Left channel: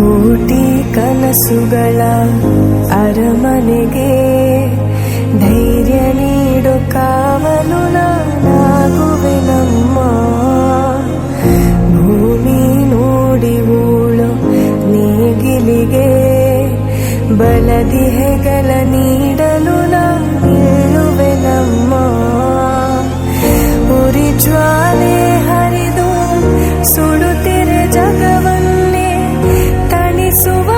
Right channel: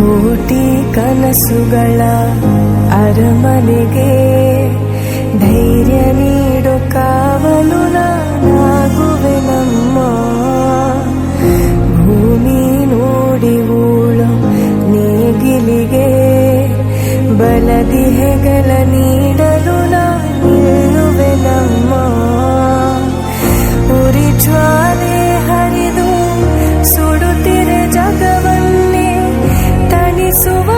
ಕೋಟಿ ಕನಸುಗಳ ಅರಮನೆಗೆ ಧೈರ್ಯ ನೀಡೋ ಕಾವಲು ನಾನಾಗುವೆ ನಮ್ಮ. ಭೂಮಿ ನೋಡಿ ಉಳೋ ನೇಗಿಲಿಗೆ ಬಲದಿ ಹೆಗಲ ನೀಡಲು ನಿಲ್ಲುವೆ ನಮ್ಮ. ಉರಿ ಜ್ವಾಲೆ ಹರಿದು ಸುಡುತ್ತಿರೆ ಜಗವನ್ನೇ ತಣಿಸುವ